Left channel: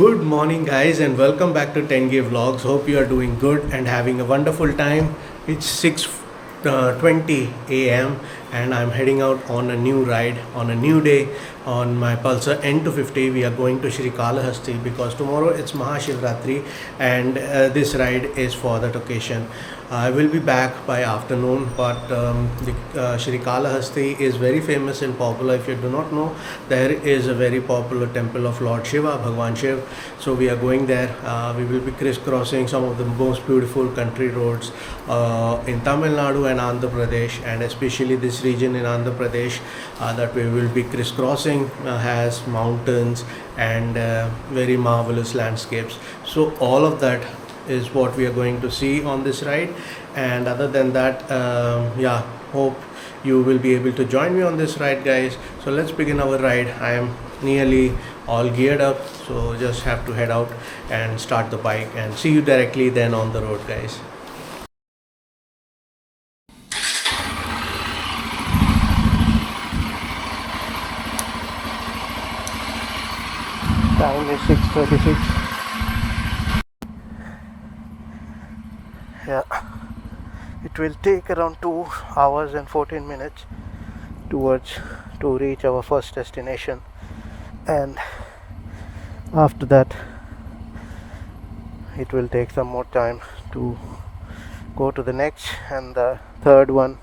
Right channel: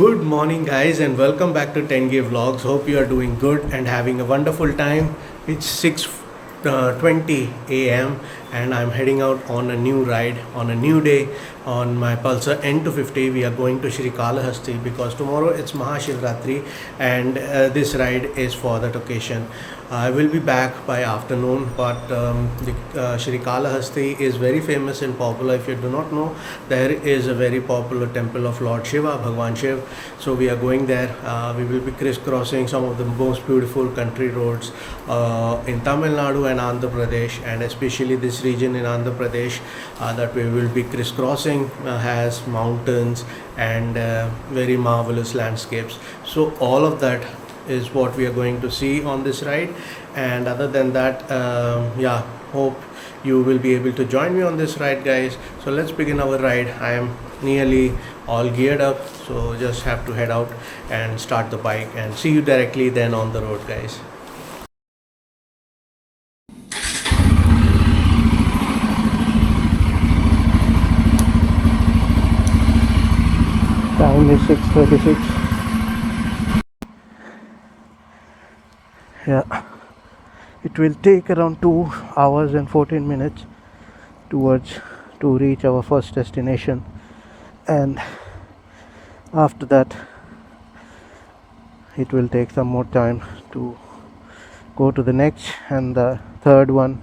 Good morning, guys, and welcome back to 10K Vlogs. Hope you are doing good and having a wonderful time. It's 6:20 a.m. and I'm heading out on a new ride on a new day on my Pulsar N250. We are going to Srikalahasthi because tomorrow it's Mahashivratri and this ride is for that occasion. I will be back by afternoon, but Srikalahasthi is very famous and popular. If you do not know, there is a very popular temple of Lord Shiva, Bhagwan Shiv. So we are going there. We will be crisscrossing some of the most beautiful country roads in Tamil Nadu and Andhra Pradesh, and especially this region in Andhra Pradesh that we will be crisscrossing has mountains and very marvelous landscapes. So all of that is what we are going to see on this ride. And other than that, hope you will be able to join me on this ride, guys. So let's begin our ride. I am nearly all geared up, so just have to head out and start the bike and see you directly then on the road, guys. Time is 6:36. Yeah, it will take around 2 hours and 14 minutes to reach our first destination, and after that it will take some more time to go to the next, and the third one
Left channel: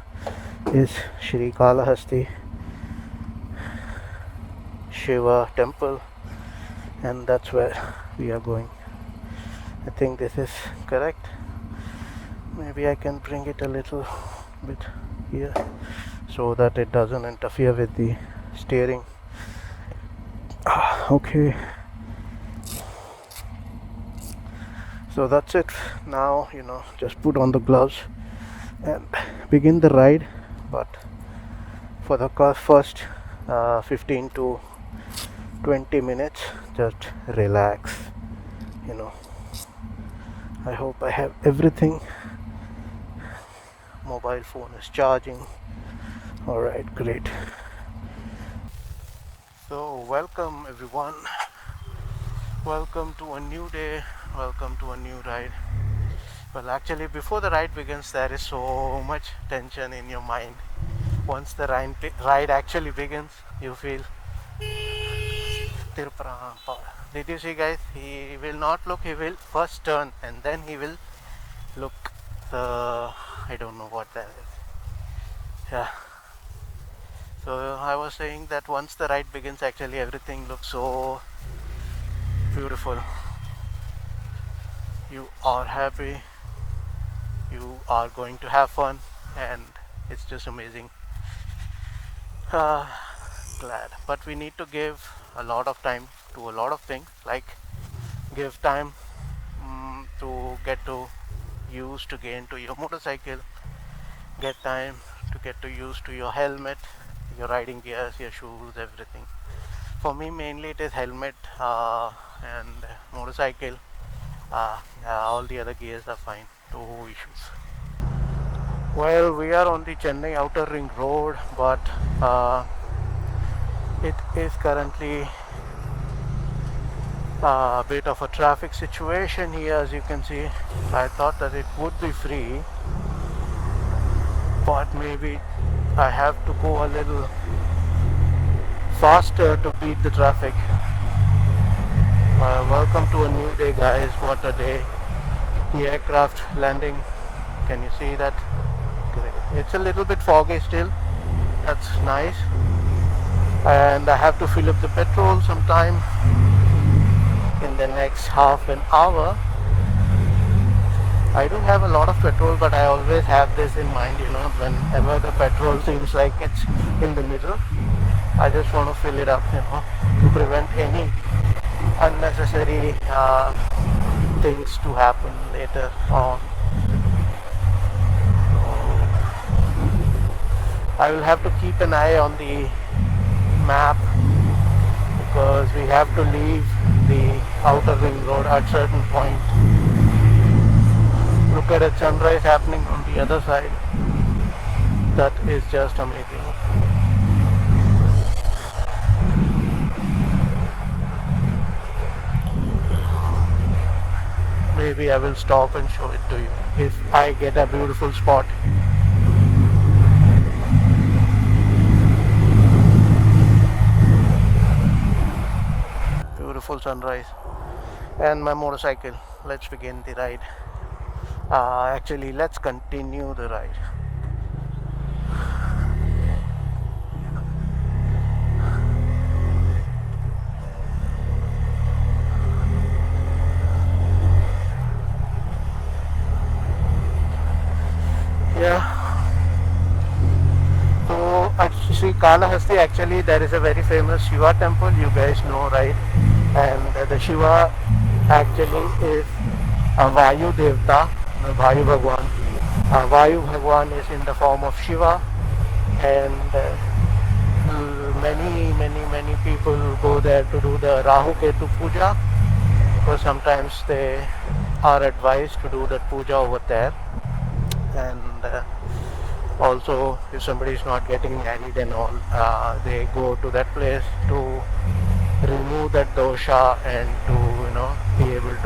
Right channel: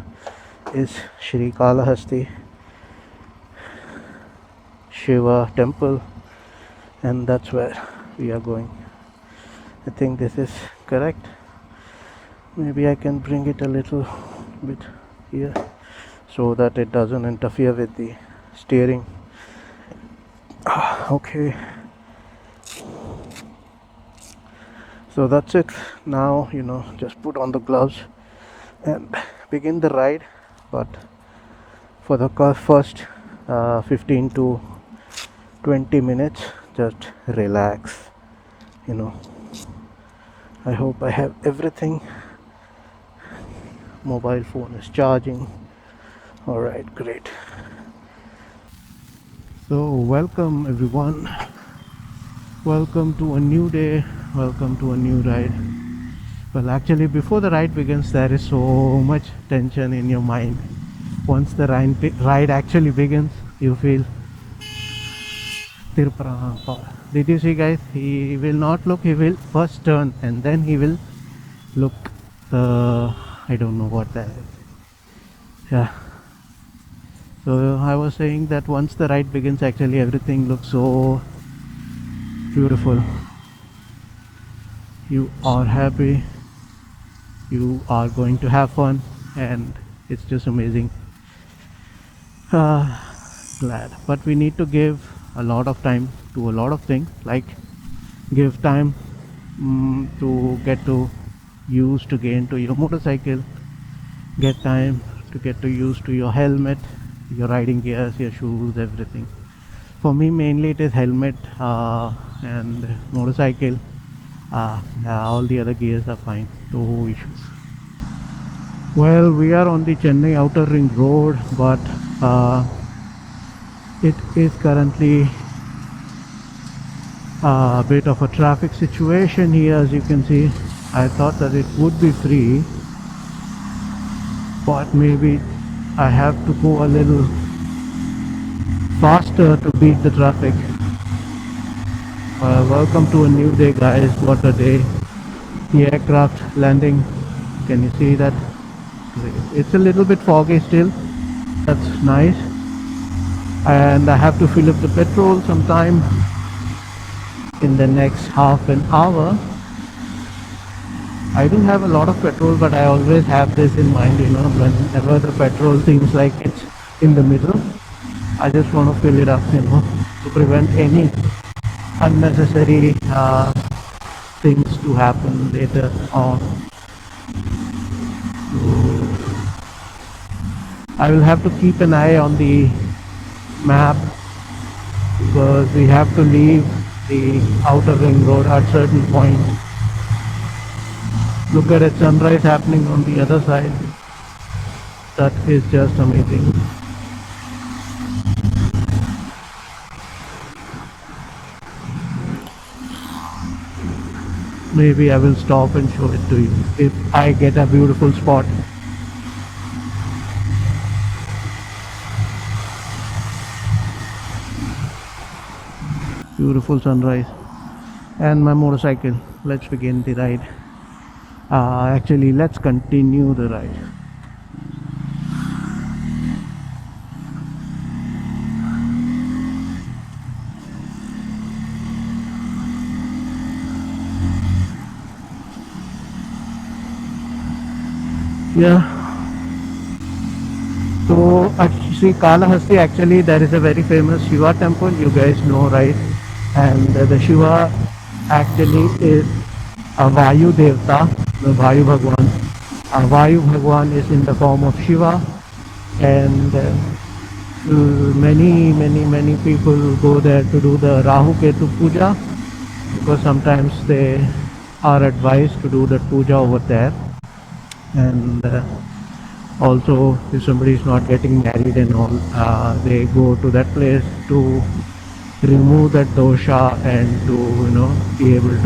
is Srikalahasthi Shiva temple, and that's where we are going. I think this is correct. Maybe I can bring it a little bit here so that it doesn't interfere with the steering. Okay, so that's it. Now, just put on the gloves and begin the ride. But for the first 15 to 20 minutes, just relax. I hope I have everything. Mobile phone is charging. All right, great. So welcome everyone, welcome to a new day, welcome to a new ride. Well, actually, before the ride begins, there is so much tension in your mind. Once the ride actually begins, you feel did you see, guys? He will not look, he will first turn and then he will look. I don't know what that is. Yeah, so I was saying that once the ride begins, actually everything looks so beautiful. You are happy, you are going to have fun, and it's just amazing. Glad, but we need to give a lot of time to a lot of things, like give time to get to used to gain to your motorcycle, get time to get to used to your helmet, your riding gears, your shoes, everything. For me, mainly it is helmet and motorcycle. All the other gears are fine, no issues. Well, we are on the Chennai outer ring road, but it is currently a bit of a traffic situation here, as you can see. I thought that it would be free, but maybe I have to go a little faster to beat the traffic. Welcome to a new day, guys. What a day. The aircraft landing, can you see that? Great. It's a little bit foggy still, that's nice. And I have to fill up the petrol sometime in the next half an hour. I do have a lot of petrol, but I always have this in mind, whenever the petrol seems like it's in the middle, I just want to fill it up, to prevent any unnecessary things to happen later on. So I will have to keep an eye on the map, because we have to leave the outer ring road at certain point. Look at a sunrise happening on the other side. That is just amazing. maybe I will stop and show it to you if I get a beautiful spot. Beautiful sunrise and my motorcycle. Let's begin the ride. Actually, let's continue the ride. Yeah. So Srikalahasthi, actually there is a very famous Shiva temple, you guys know, right? And the Shiva actually is a Vayu Devta, the Vayu Bhagwan. Vayu Bhagwan is in the form of Shiva, and many people go there to do the Rahu Ketu Puja, because sometimes they are advised to do that puja over there. And also if somebody is not getting married and all, they go to that place to remove that dosha and to be able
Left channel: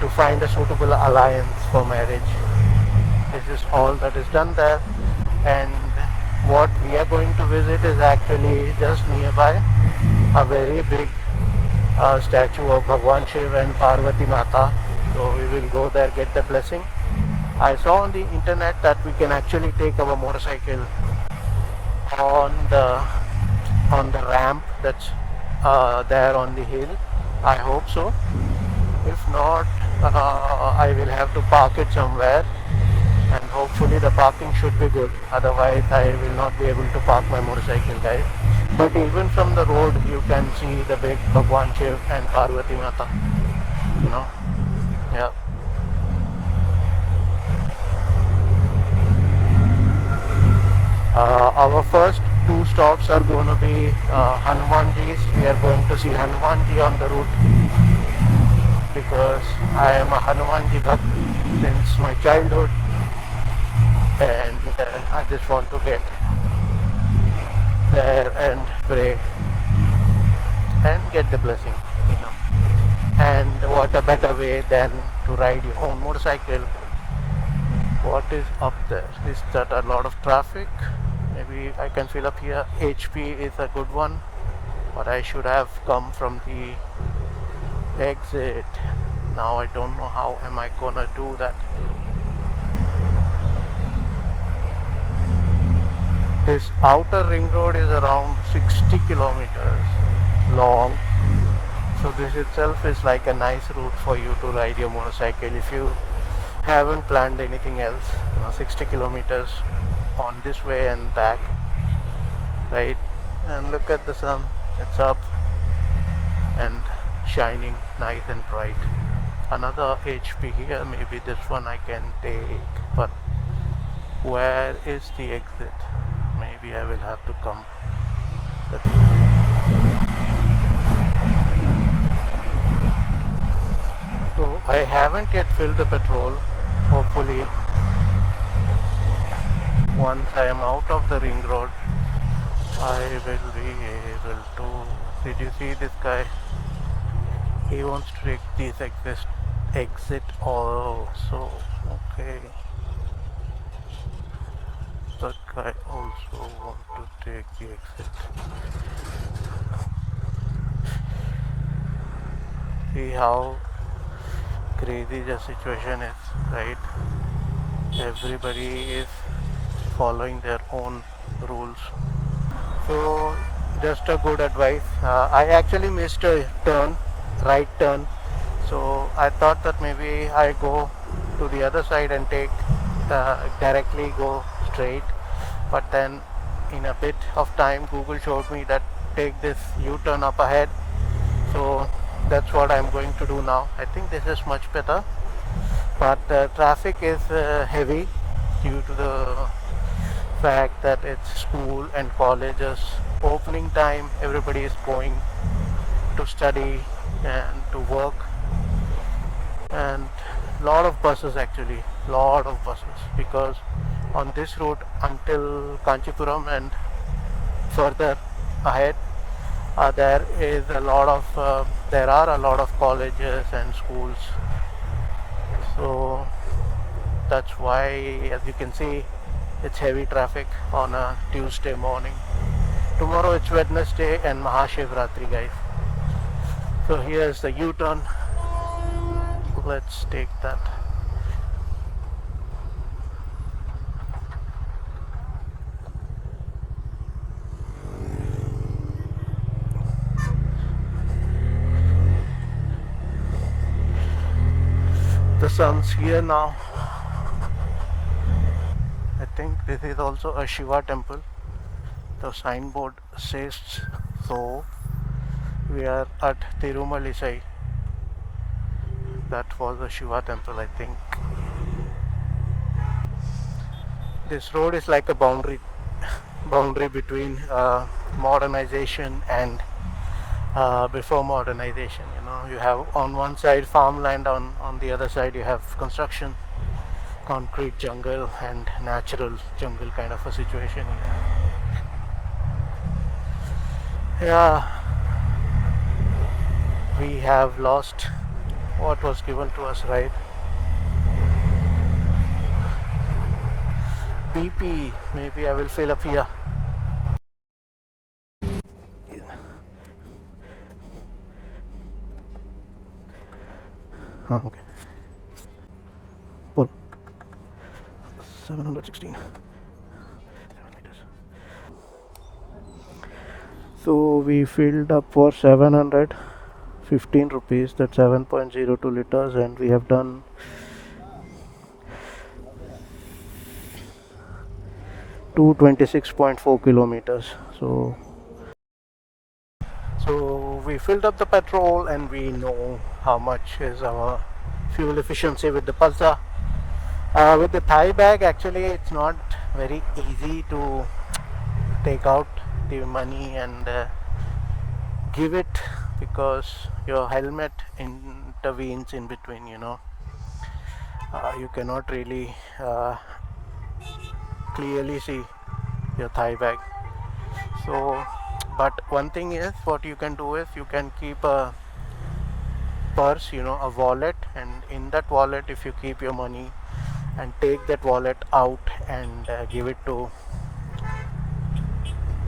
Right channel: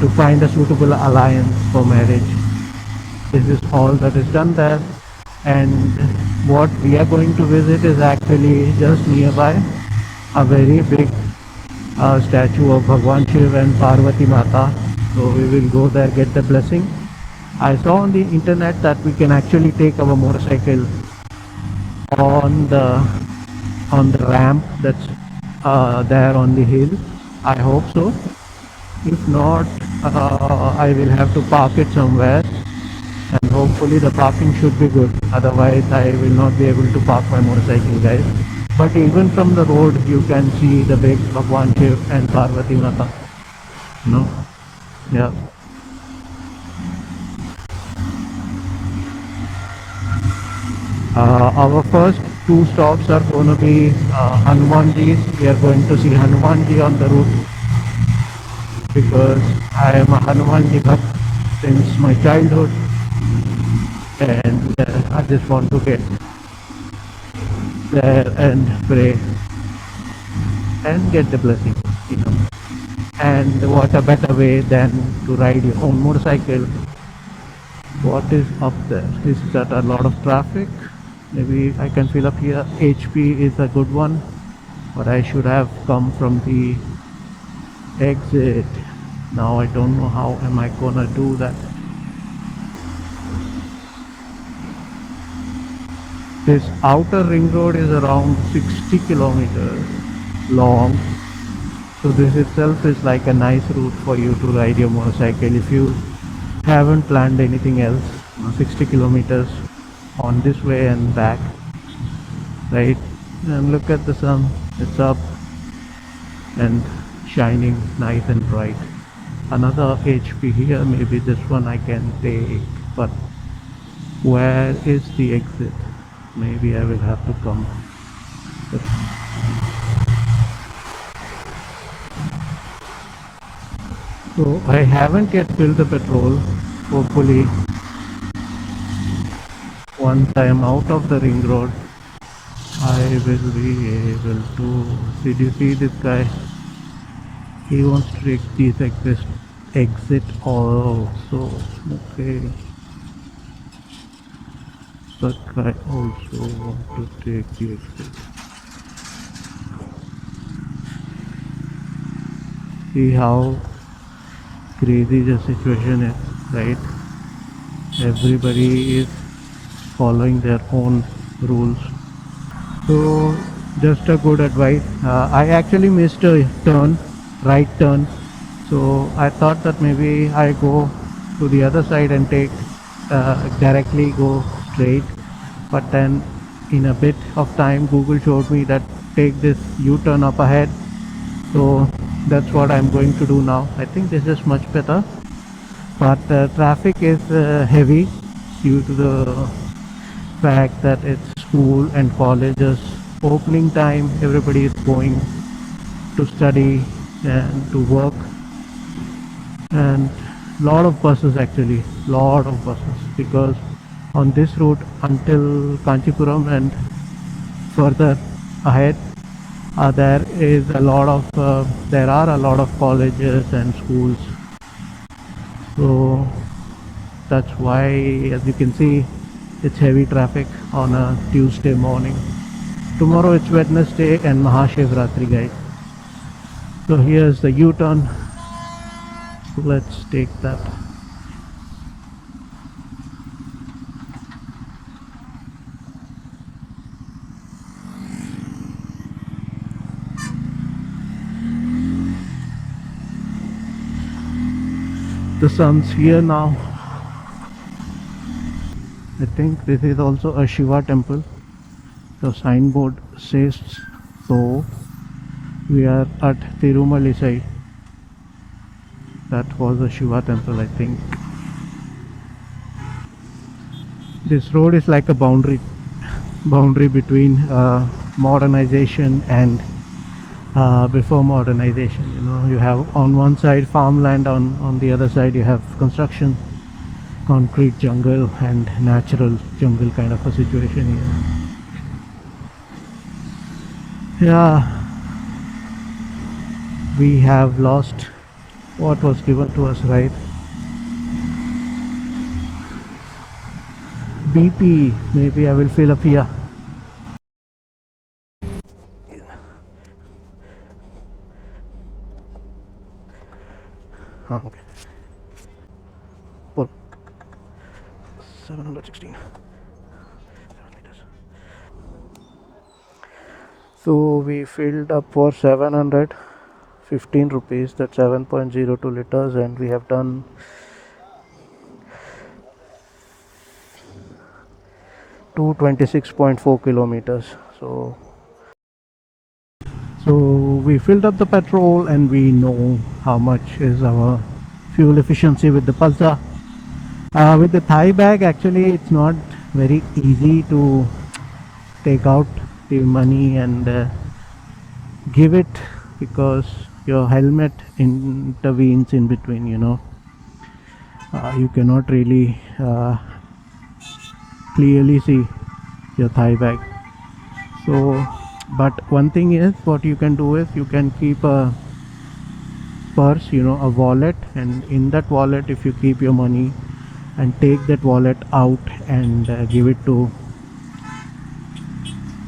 to find a suitable alliance for marriage. This is all that is done there. And what we are going to visit is actually just nearby a very big statue of Bhagwan Shiv and Parvati Mata. So we will go there, get the blessing. I saw on the internet that we can actually take our motorcycle on the ramp that's there on the hill. I hope so. If not, I will have to park it somewhere, and hopefully the parking should be good. Otherwise I will not be able to park my motorcycle, guys. But even from the road you can see the big Bhagwan Shiv and Parvati Mata, yeah. Our first two stops are going to be Hanumanji's. We are going to see Hanumanji on the route, because I am a Hanumanji Bhakt since my childhood, and I just want to get there and pray and get the blessing, And what a better way than to ride your own motorcycle. What is up there? Is that a lot of traffic? Maybe I can fill up here. HP is a good one, but I should have come from the exit. Now I don't know how am I gonna do that. This outer ring road is around 60 kilometers long, so this itself is like a nice route for you to ride your motorcycle if you haven't planned anything else. 60 kilometers on this way and back, right? And look at the sun, it's up and shining nice and bright. Another HP here, maybe this one I can take, but where is the exit? Maybe I will have to come. So I haven't yet filled the petrol. Hopefully once I am out of the ring road I will be able to. Did you see this guy? He wants to take this exit also. Okay, that guy also wants to take the exit. See how crazy the situation is, right? Everybody is following their own rules. So just a good advice. I actually missed a right turn, so I thought that maybe I go to the other side and take directly go straight, but then in a bit of time Google showed me that take this U-turn up ahead, so that's what I'm going to do now. I think this is much better, but traffic is heavy due to the fact that it's school and colleges opening time. Everybody is going to study and to work, and lot of buses, actually lot of buses, because on this route until Kanchipuram and further ahead There are a lot of colleges and schools, so that's why, as you can see, it's heavy traffic on a Tuesday morning. Tomorrow it's Wednesday and Mahashivratri, guys. So here's the U-turn. Let's take that. The sun's here now. I think this is also a Shiva temple. The signboard says so. We are at Tirumalisai. That was a Shiva temple, I think. This road is like a boundary between modernization and before modernization. You have on one side farmland, on the other side you have construction, concrete jungle and natural jungle kind of a situation here. Yeah, we have lost what was given to us, right? BP, maybe I will fill up here. Oh, okay. Well, 716. So we filled up for 715 rupees, that's 7.02 liters, and we have done 226.4 kilometers. So we filled up the petrol and we know how much is our fuel efficiency with the Pulsar. With the thigh bag, actually it's not very easy to take out the money and give it, because your helmet intervenes in between. You cannot really clearly see your thigh bag. So, but one thing is, what you can do is you can keep a purse, a wallet, and in that wallet if you keep your money and take that wallet out and give it to,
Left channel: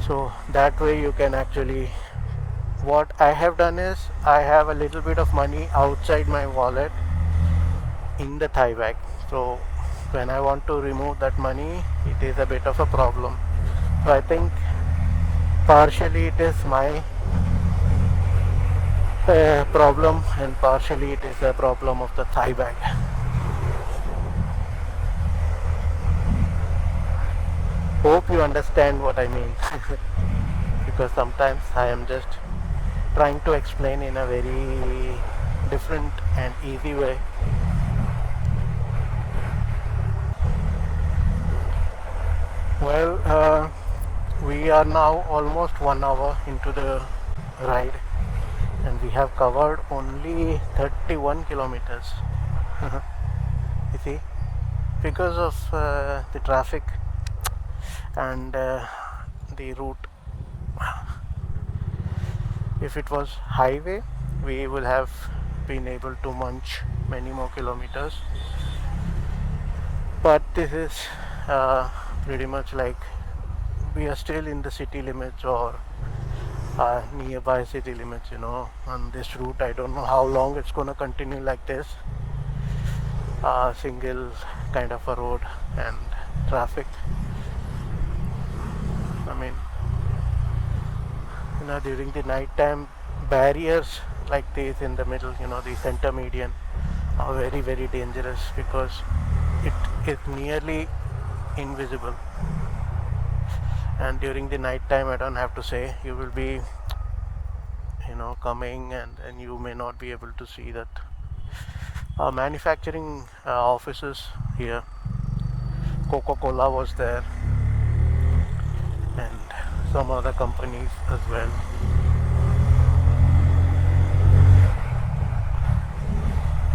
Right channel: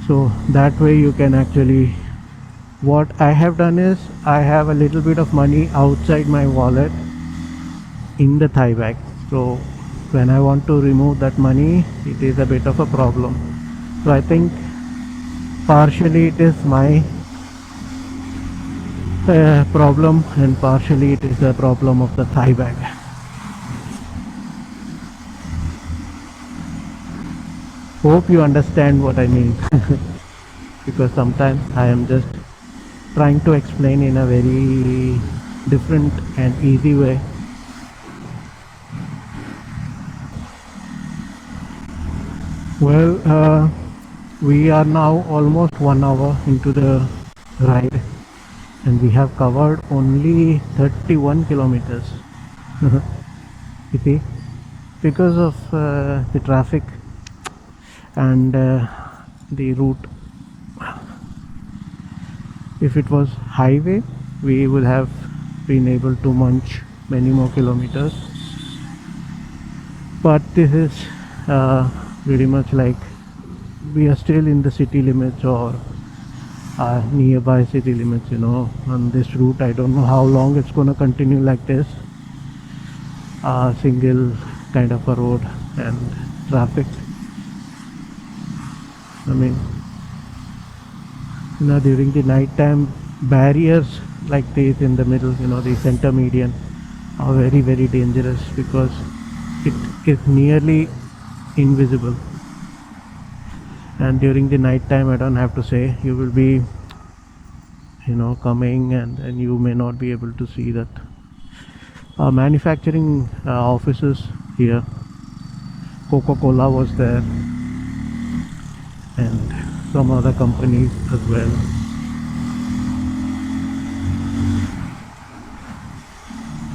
so that way you can actually, what I have done is I have a little bit of money outside my wallet in the thigh bag. So when I want to remove that money, it is a bit of a problem. So I think partially it is my problem and partially it is a problem of the thigh bag. Hope you understand what I mean. Because sometimes I am just trying to explain in a very different and easy way. Well, we are now almost 1 hour into the ride and we have covered only 31 kilometers. You see, because of the traffic and the route. If it was highway, we would have been able to munch many more kilometers, but this is pretty much like we are still in the city limits or nearby city limits, on this route. I don't know how long it's going to continue like this, single kind of a road and traffic. I mean, during the night time, barriers like these in the middle, the center median, are very, very dangerous because it is nearly invisible. And during the night time, I don't have to say, you will be coming and you may not be able to see that. Manufacturing offices here, Coca-Cola was there and some other companies as well.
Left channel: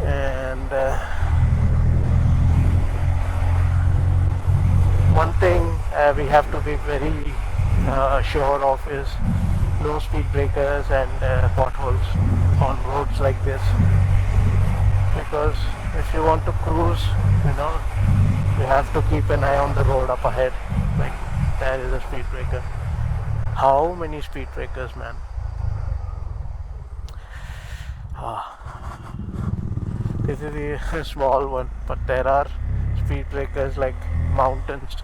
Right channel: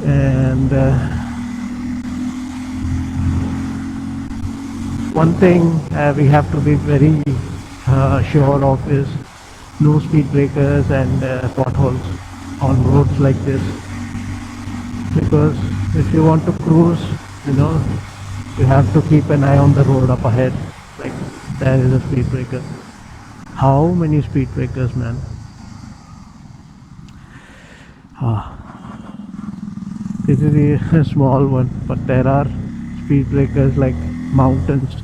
And one thing we have to be very sure of is no speed breakers and potholes on roads like this, because if you want to cruise, you know, you have to keep an eye on the road up ahead. Like, there is a speed breaker. How many speed breakers, man? This is a small one, but there are speed breakers like mountains.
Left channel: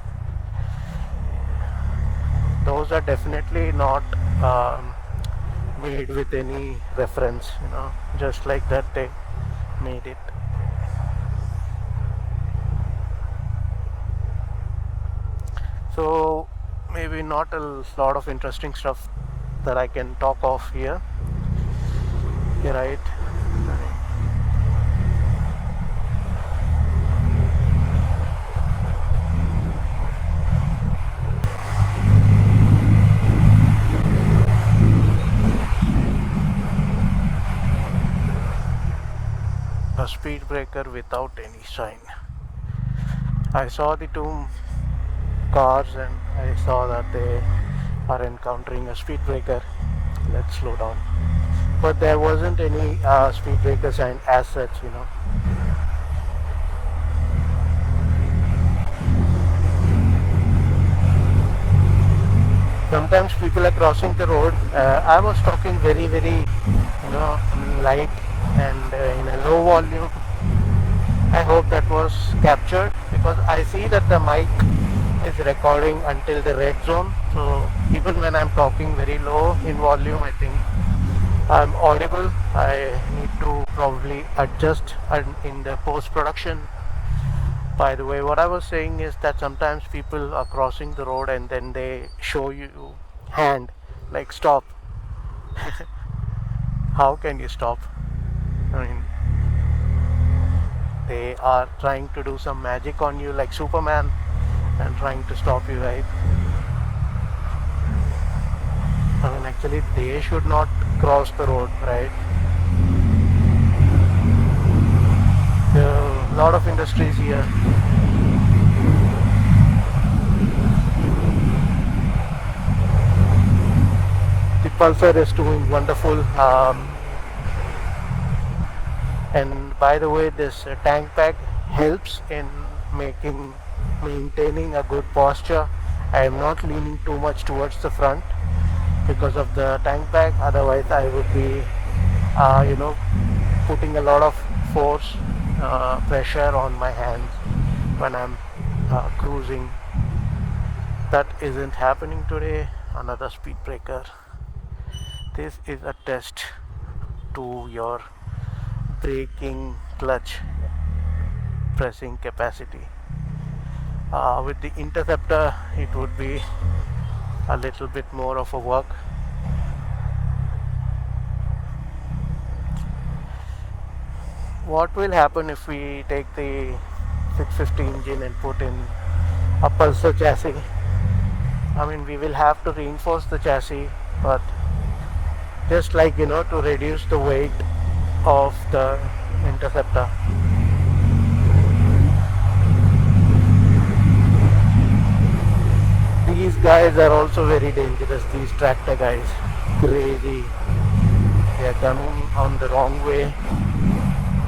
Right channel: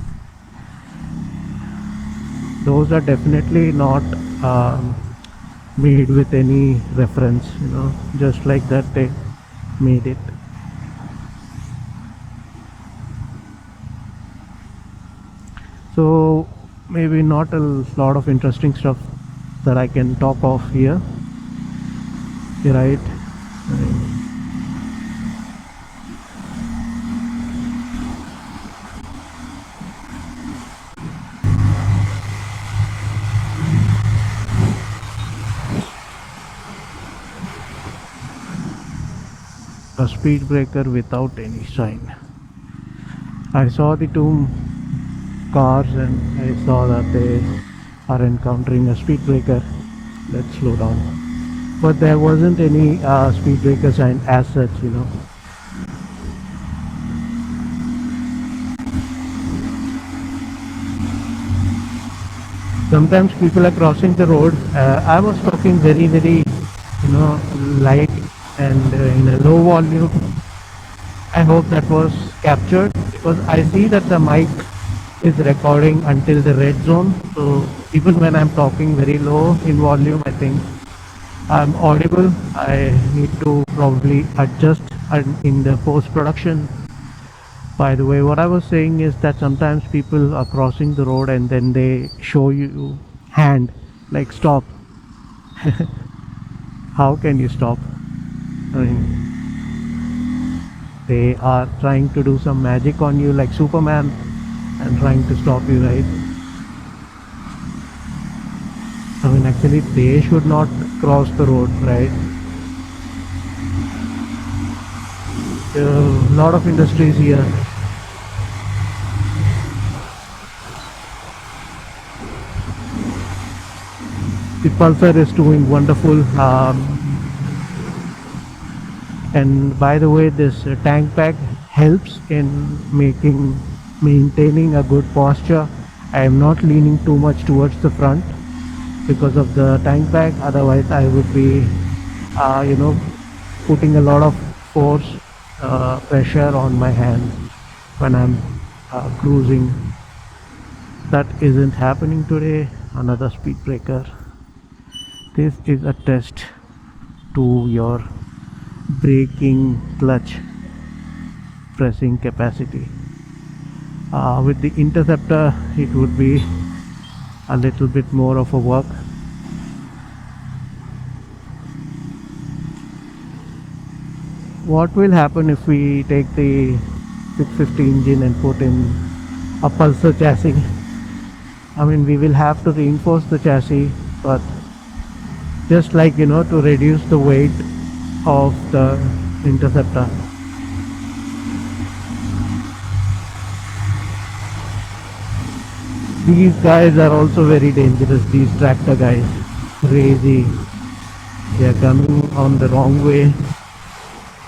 Those are definitely not made with any reference, you know, just like that they made it. So maybe not a lot of interesting stuff that I can talk of here, right? A speed breaker without any sign. I saw the two cars and I saw that they are encountering a speed breaker. Let's slow down. But there wasn't any speed breaker sign as such, you know. Sometimes people are crossing the road. I was talking very, you know, light and in a low volume. I hope that was captured, because I see that the mic is recording until the red zone. So even when I'm talking very low in volume, I think I'm audible. I need to probably adjust in the post-production. By the way, what I was saying is that sometimes people are crossing the road and then they show you hand, like stop. How can you stop? I mean, they are trying to do some magic on you like Superman and trying to stop you, right? I mean, actually they should not cross the road, right? There are a lot of industries here. The Pulsar is doing wonderful. And by the way, this tank pack helps in maintaining a good posture. I am not leaning too much towards the front because of the tank pack. Otherwise I would be you know, putting a lot of force, pressure on my hands when I'm cruising. That isn't happening today. Another speed breaker. This is a test to your braking clutch pressing capacity. With the Interceptor it would be a little bit more of a work. What will happen if we take the 650 engine and put in a Pulsar chassis? I mean, we will have to reinforce the chassis, but just like, you know, to reduce the weight of the Interceptor. These guys are also very dangerous, these tractor guys. Crazy. They are coming on the wrong way,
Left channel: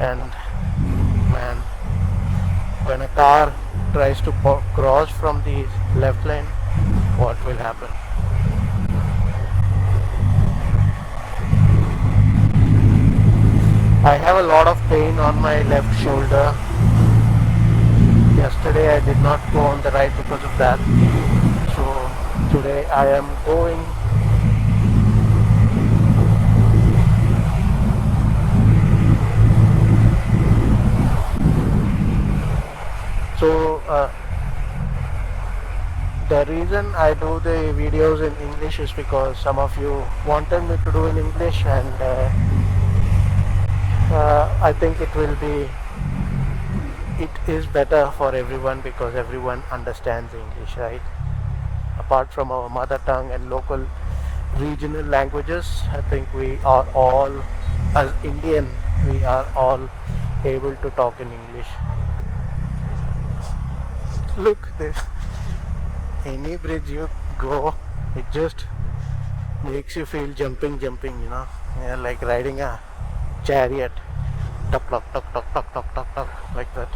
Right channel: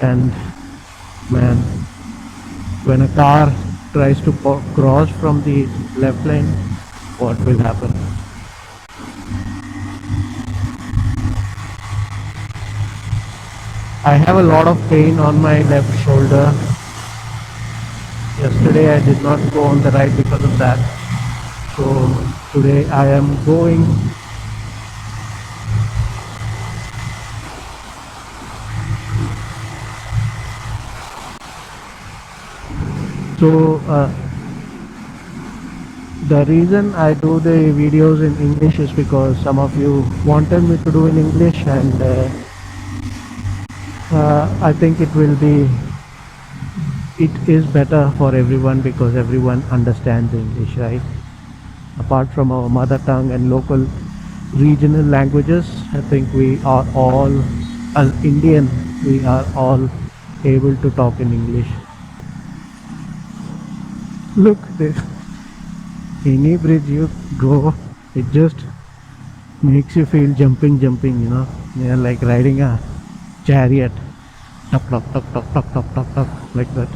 and man, when a car tries to cross from the left lane, what will happen? I have a lot of pain on my left shoulder. Yesterday I did not go on the ride because of that. So today I am going. So the reason I do the videos in English is because some of you wanted me to do in English, and I think it is better for everyone because everyone understands English, right? Apart from our mother tongue and local regional languages, I think we are all, as Indian, we are all able to talk in English. Look, this any bridge you go, it just Makes you feel jumping, yeah, like riding a chariot. Tuck, tuck, tuck, tuck, tuck, tuck, tuck, tuck, like that.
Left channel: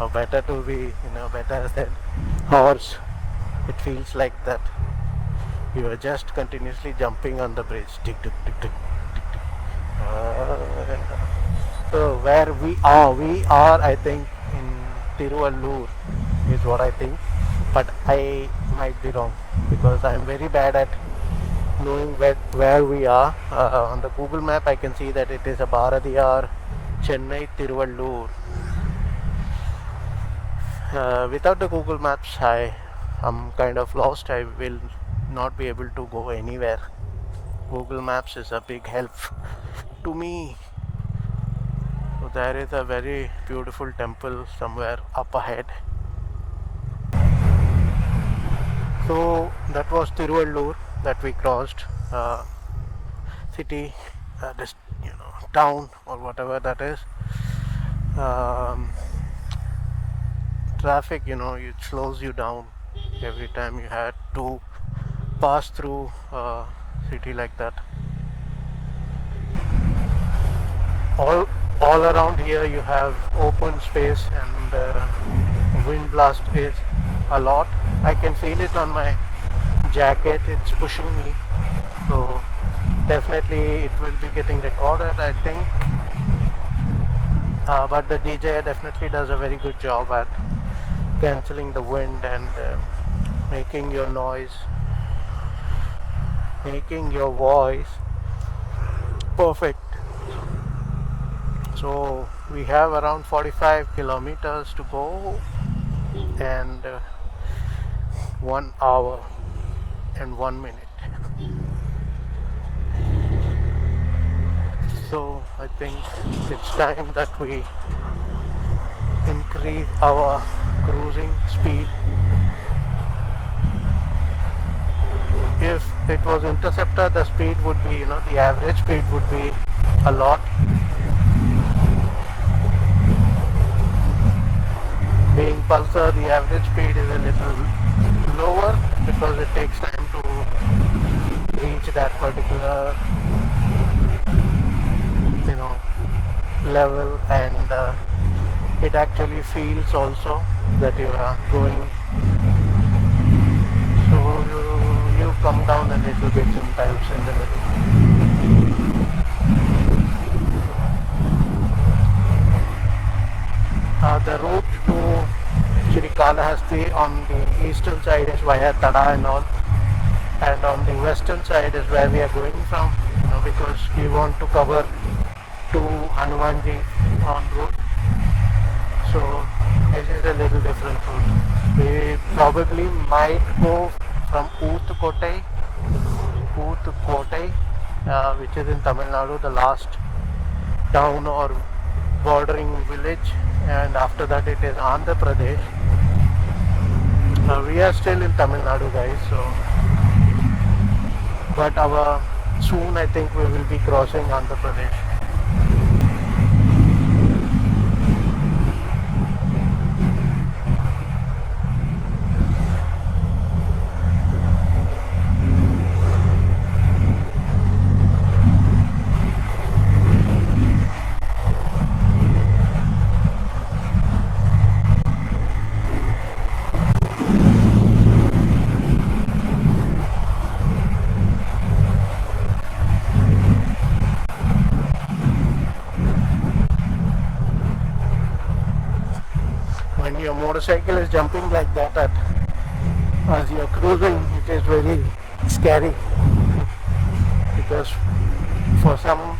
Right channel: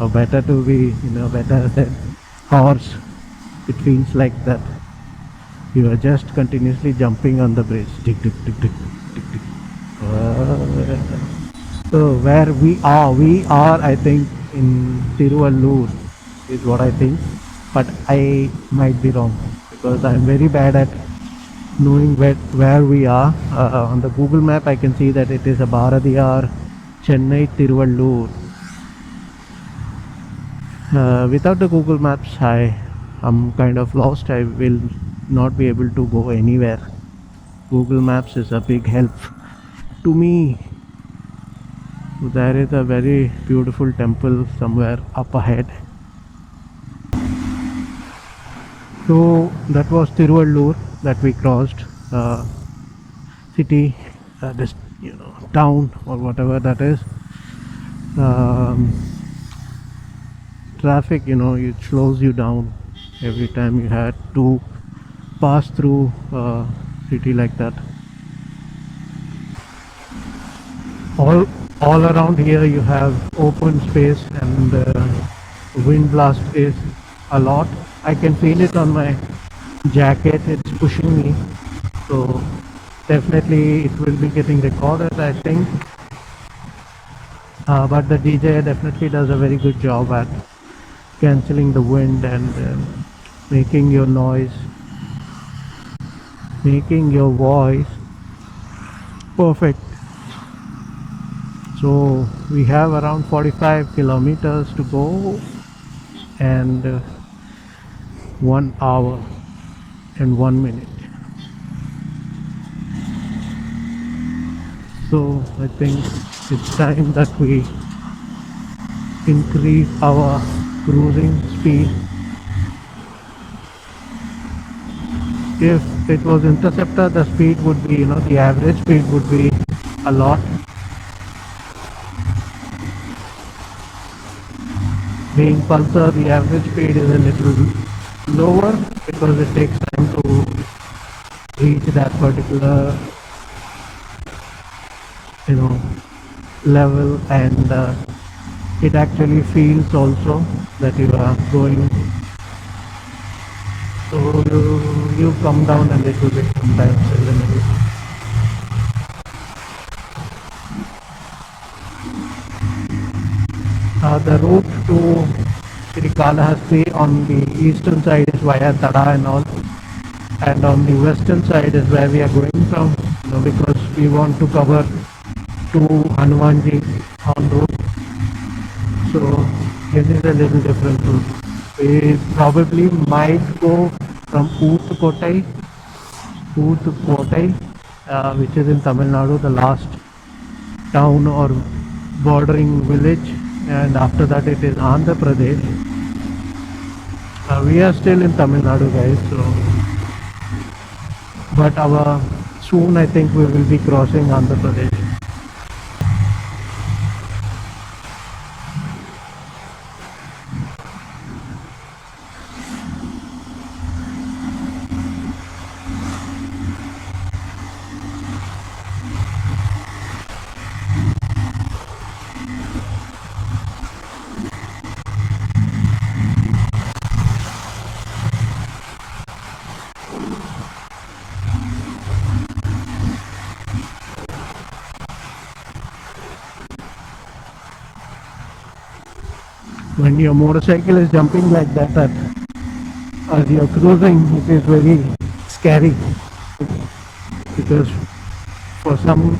Or better to be, better than horse. It feels like that. You are just continuously jumping on the bridge. Tick, tick, tick, tick, tick, tick. So where we are, I think, in Tiruvallur is what I think, but I might be wrong because I'm very bad at knowing where we are. On the Google map, I can see that it is a Bharadiyar, Chennai, Tiruvallur. Without the Google Maps, I am kind of lost. I will not be able to go anywhere. Google Maps is a big help to me. So there is a very beautiful temple somewhere up ahead. So that was Tiruvallur that we crossed. City, this town or whatever that is. Traffic, it slows you down every time you had to pass through a city like that. All around here you have open space, and wind blast is a lot. I can feel it on my jacket. It's pushing me, so definitely it will be getting recorded, I think. But the DJ definitely does a very good job at cancelling the wind and making your voice perfect. So we have around 45 kilometers to go, and 1 hour and 1 minute. So I think it's time that we increase our cruising speed. If it was Interceptor, the speed would be, the average speed would be a lot. Being Pulsar, the average speed is a little lower because it takes time to reach that particular level, and it actually feels also that you are going, so you come down a little bit sometimes in the middle. The route to Srikalahasthi on the eastern side is via Tada and all, and on the western side is where we are going from, because we want to cover to Hanumanji en route. So this is a little different route. We probably might go from Oothukottai, which is in Tamil Nadu, the last town or bordering village, and after that it is Andhra Pradesh. We are still in Tamil Nadu, guys, so but soon I think we will be crossing Andhra Pradesh. When your motorcycle is jumping like that as you're cruising, it is very scary, because for some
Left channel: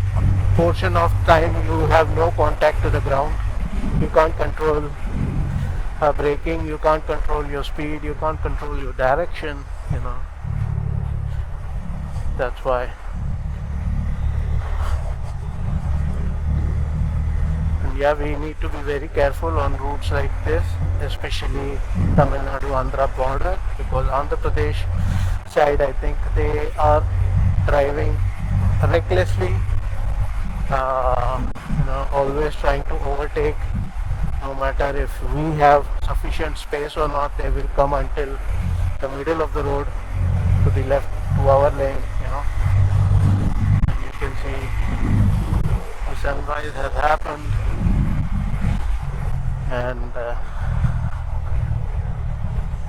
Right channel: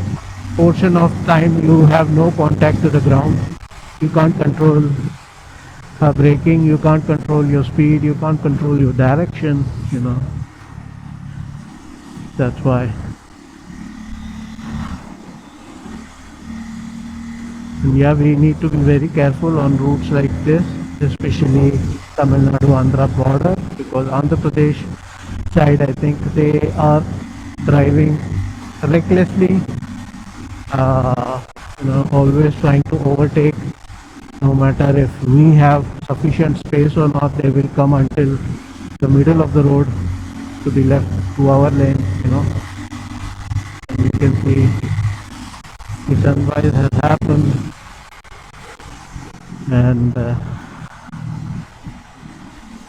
portion of time you have no contact to the ground. You can't control braking, you can't control your speed, you can't control your direction, that's why. And yeah, we need to be very careful on routes like this, especially Tamil Nadu Andhra border, because Andhra Pradesh side, I think they are driving recklessly, always trying to overtake. No matter if we have sufficient space or not, they will come until the middle of the road to be left to our lane, and you can see the sunrise has happened, and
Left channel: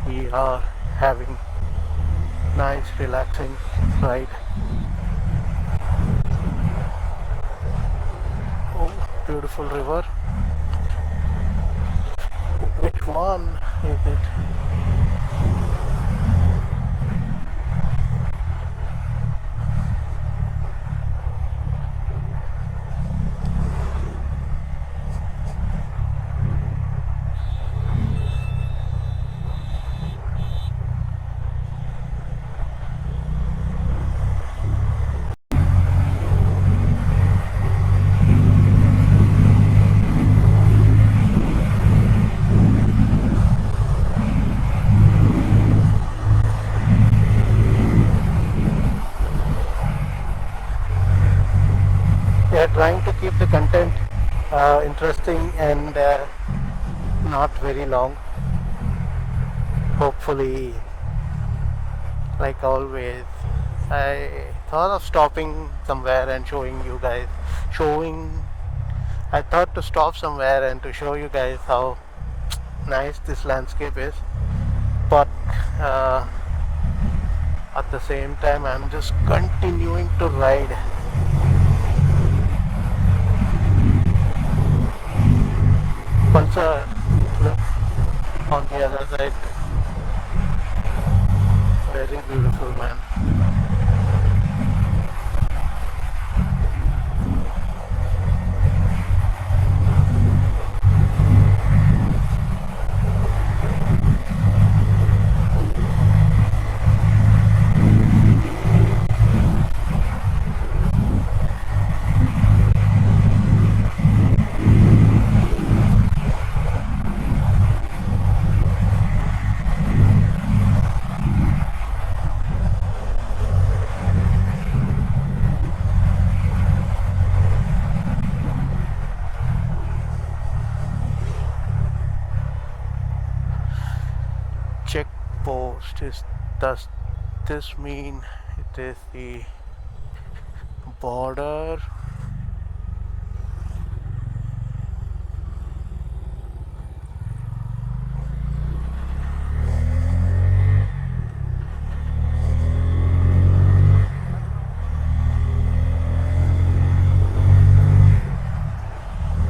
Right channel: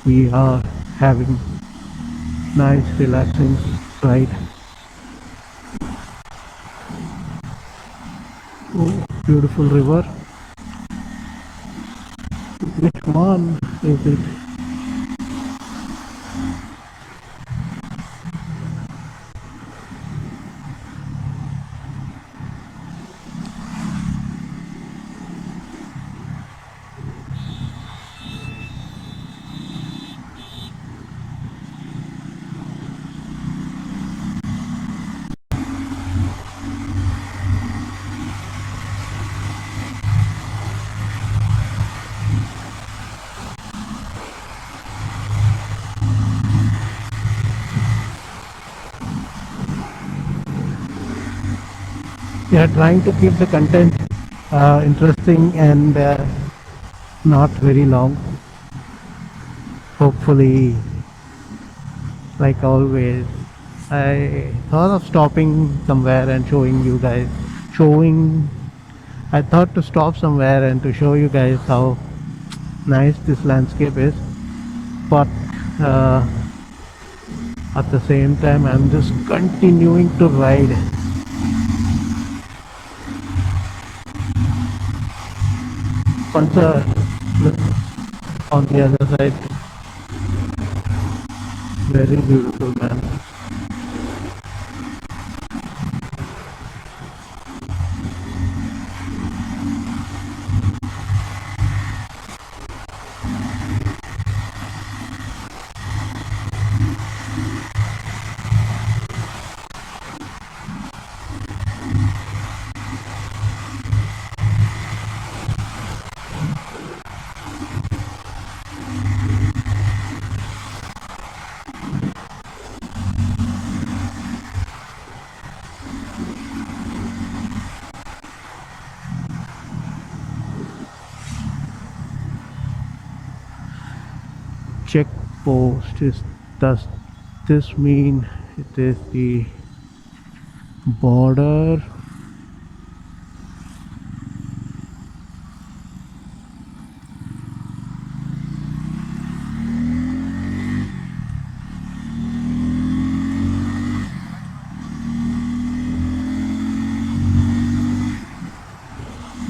we are having nice relaxing ride. Oh, beautiful river. Which one is it? We are trying to keep the content interesting and not very long. Hopefully, like always, I thought of stopping somewhere and showing you guys. Showing, I thought to stop somewhere and to show you guys how nice this landscape is. But uh, at the same time, I'm just continuing to ride. Pulsar, look on the other side. Very beautiful, man. Check post is, does this mean it is the border?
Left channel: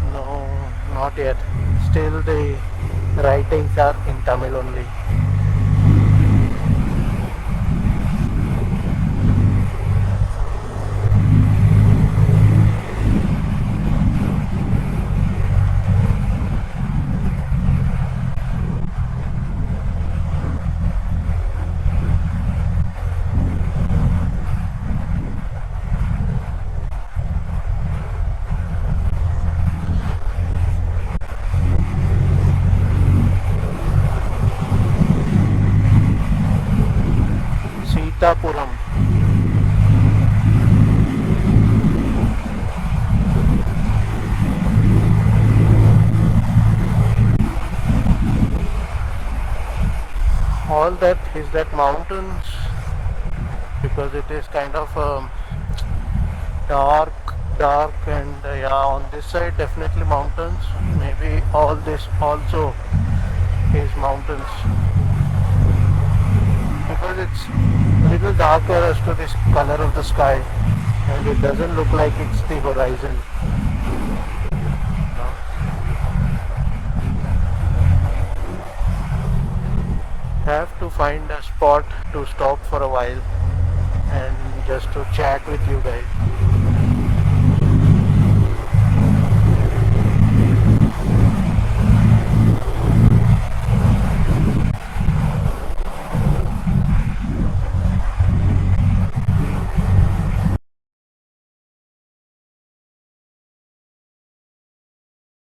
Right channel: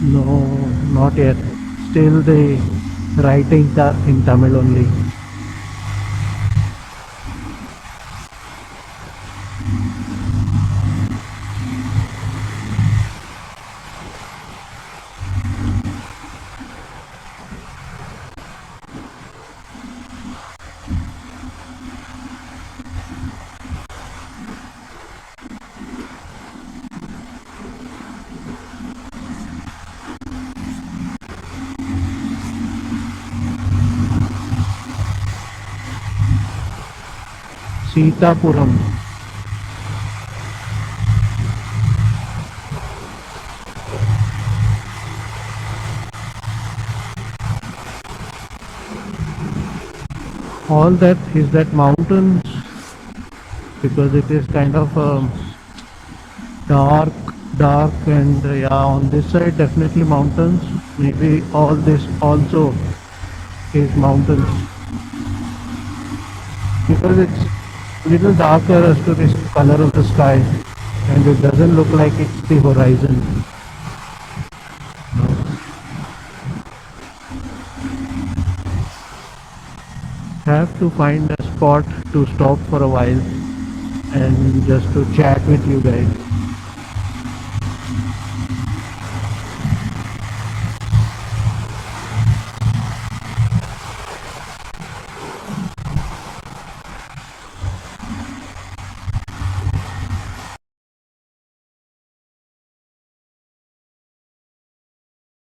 No, not yet. Still the writings are in Tamil only. Sitapuram. All that is that mountains, because it is kind of dark and yeah, on this side definitely mountains. Maybe all this also is mountains, because it's a little darker as to this color of the sky, and it doesn't look like it's the horizon. No. Have to find a spot to stop for a while and just to chat with you guys.